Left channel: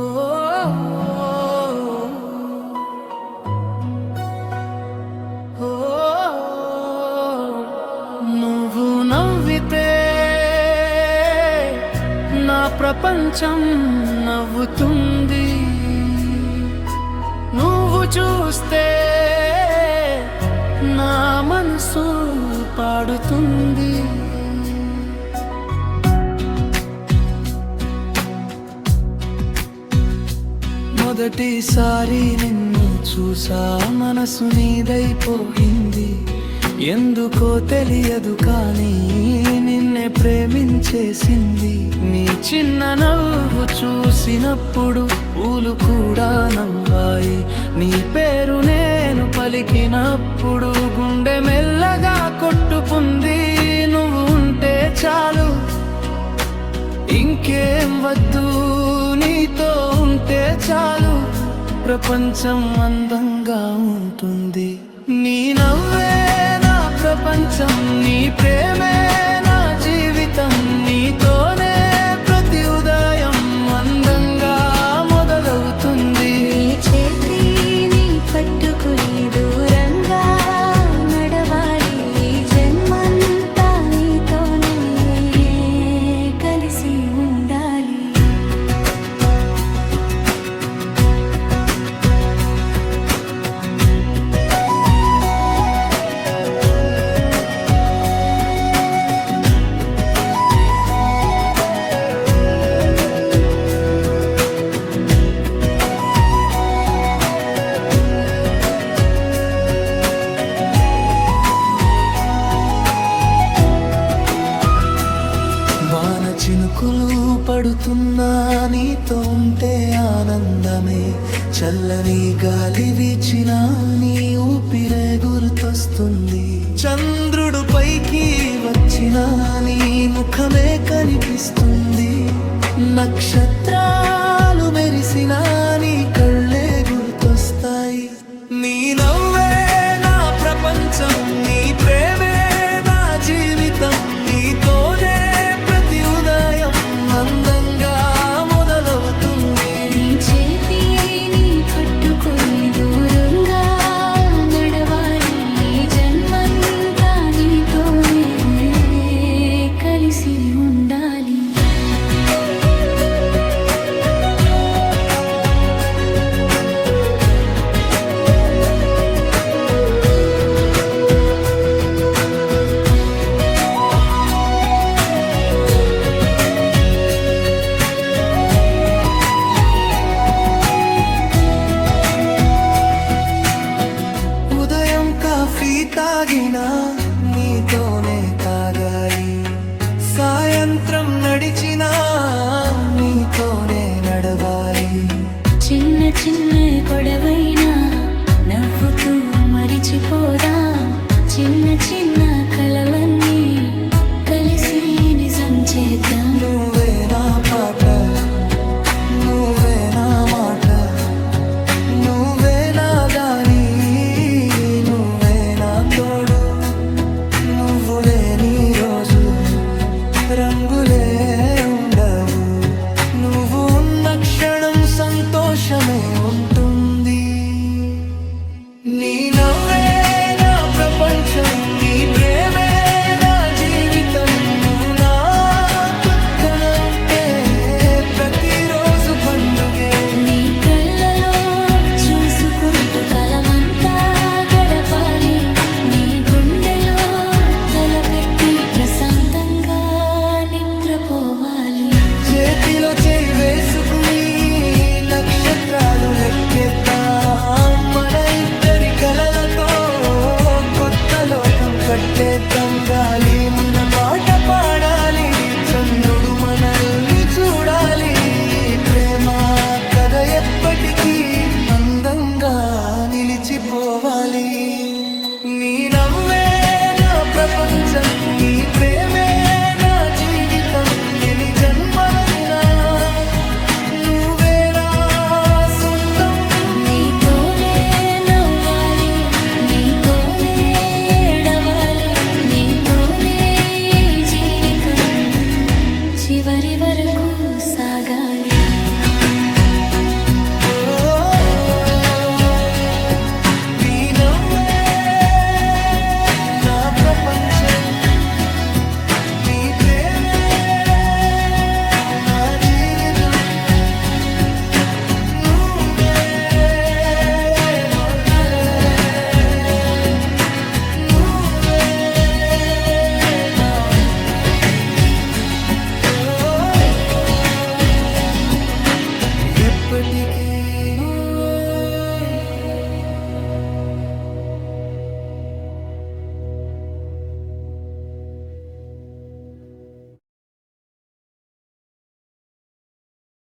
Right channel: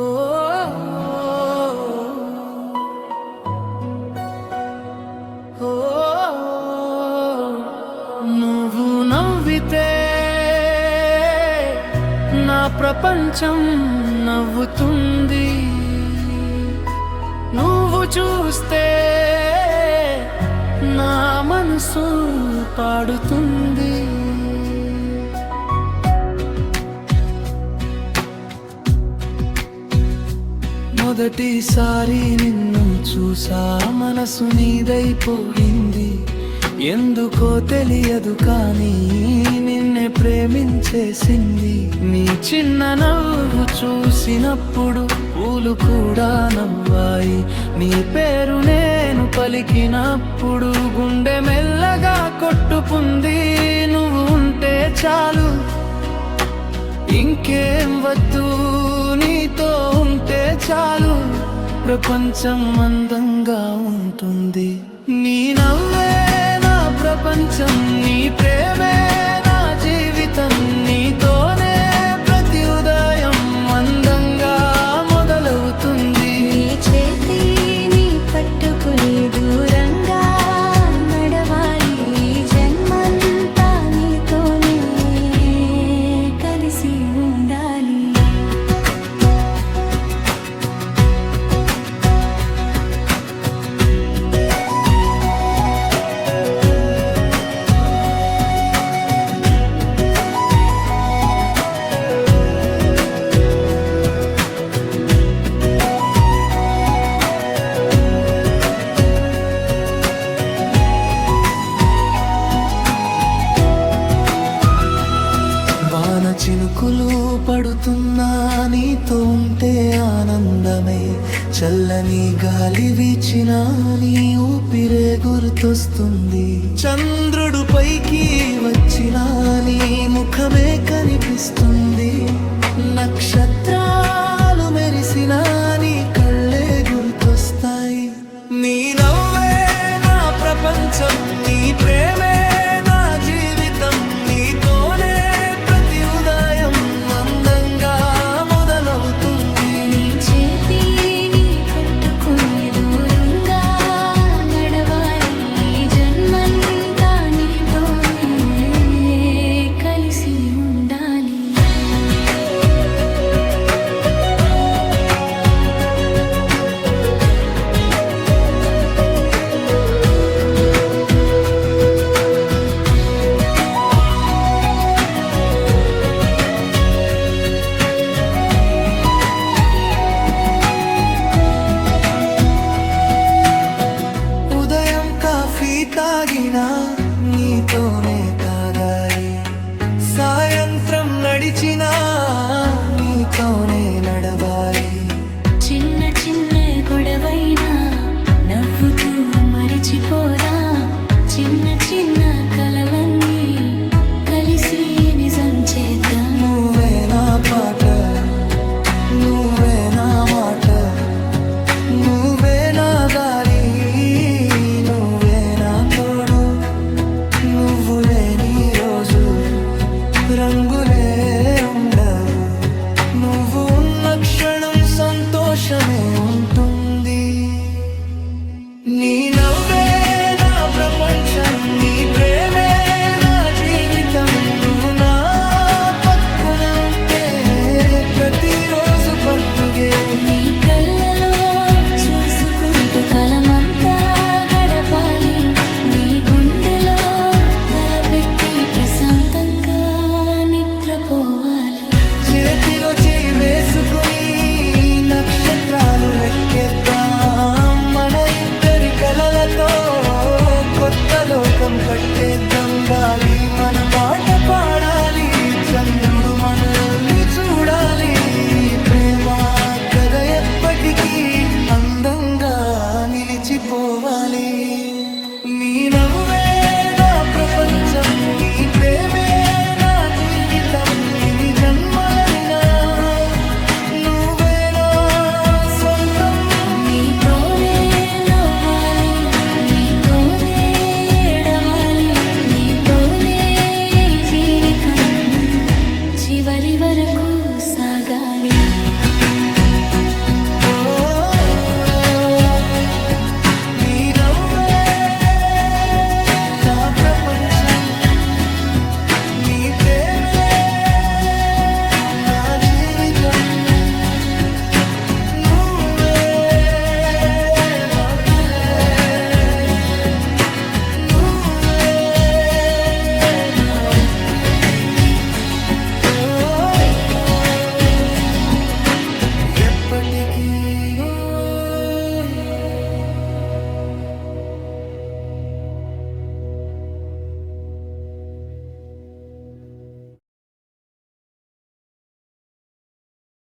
ఓ ఓ నువ్వు నవ్వితే నా ప్రపంచం నవ్వుతుంది, నువ్వు చూస్తే నా మనసు పాడుతుంది. మొదటిసారి నిన్ను చూసా మనసు నీదైపోయింది, ఎందుకో తెలియదు కానీ నిన్నే ప్రేమించేసింది. నీ చిన్న నవ్వు చూసినప్పుడు పూలు కూడా నవ్వాయి, నీ పేరు నేను పలికినప్పుడు గుండె మెల్లగా కొట్టుకుంది. నువ్వు ఉంటే చాలు ఇంకేం వద్దు, నీతో ఉంటే చాలు ప్రపంచం అందంగా ఉంటుంది. నీ నవ్వే నా ప్రపంచం, నీ ప్రేమే నా జీవితం, నీతోనే ప్రతి ఉదయం అందంగా మొదలవుతుంది. నీ చేతిని పట్టుకుని దూరంగా నడవాలి, ఈ జన్మంతా నీతోనే కలిసి ఉండాలి. వాన చినుకులు పడుతున్నా నీతో ఉంటే ఆనందమే, చల్లని గాలి వీచినా నీ ఊపిరే గుర్తొస్తుంది. చంద్రుడు పైకి వచ్చినా నీ ముఖమే కనిపిస్తుంది, నక్షత్రాలు మెరిసినా నీ కళ్ళే గుర్తొస్తాయి. నీ నవ్వే నా ప్రపంచం, నీ ప్రేమే నా జీవితం, నీతోనే ఉదయం అందంగా మొదలవుతుంది. నీ చేతిని పట్టుకొని దూరంగా నడవాలి, ఈ జన్మంతా నీతోనే కలిసి ఉండాలి. కాఫీ తాగినా నీతోనే తాగాలి, సాయంత్రం నడిచినా నీతోనే నడవాలి. చిన్న చిన్న గొడవైనా నవ్వుతూ మరిచిపోదాం, చిన్న చిన్న కలవన్నీ కలిసి నిజం చేద్దాం. నువ్వే నా పాట, నువ్వే నా మాట, నువ్వే నా దారి, నువ్వే నా తోడు. నువ్వు లేని రోజు రంగులే ఉండవు, నువ్వు ఉన్న క్షణం సంతోషమే ఉంటుంది. నీ నవ్వే నా ప్రపంచం, నీ ప్రేమే నా జీవితం, నువ్వు నా పక్కన ఉంటే ప్రతిరోజు పండుగే. నీ కళ్ళలో చూసుకుంటూ కలమంతా గడపాలి, నీ గుండెలో తలపెట్టి ప్రశాంతంగా నిద్రపోవాలి. చేతిలో చేయి వేసుకుని నక్షత్రాలు లెక్కేద్దాం, మన ఇద్దరి కలలతో కొత్త లోకం కట్టేద్దాం. గాలి మన పాట పాడాలి, చంద్రుడు మనల్ని చూడాలి. ప్రేమ కథ ఎప్పటికీ అందంగా నిలిచిపోవాలి. నీ నవ్వే నా ప్రపంచం, నీ ప్రేమే నా జీవితం, ఎన్ని జన్మలైనా నువ్వే నా సొంతం. నీతోనే నవ్వాలి, నీతోనే ఏడవాలి, నీతోనే జీవితం చివరి వరకు సాగాలి. ఓ నీ నవ్వే నా ప్రపంచం నీ ప్రేమ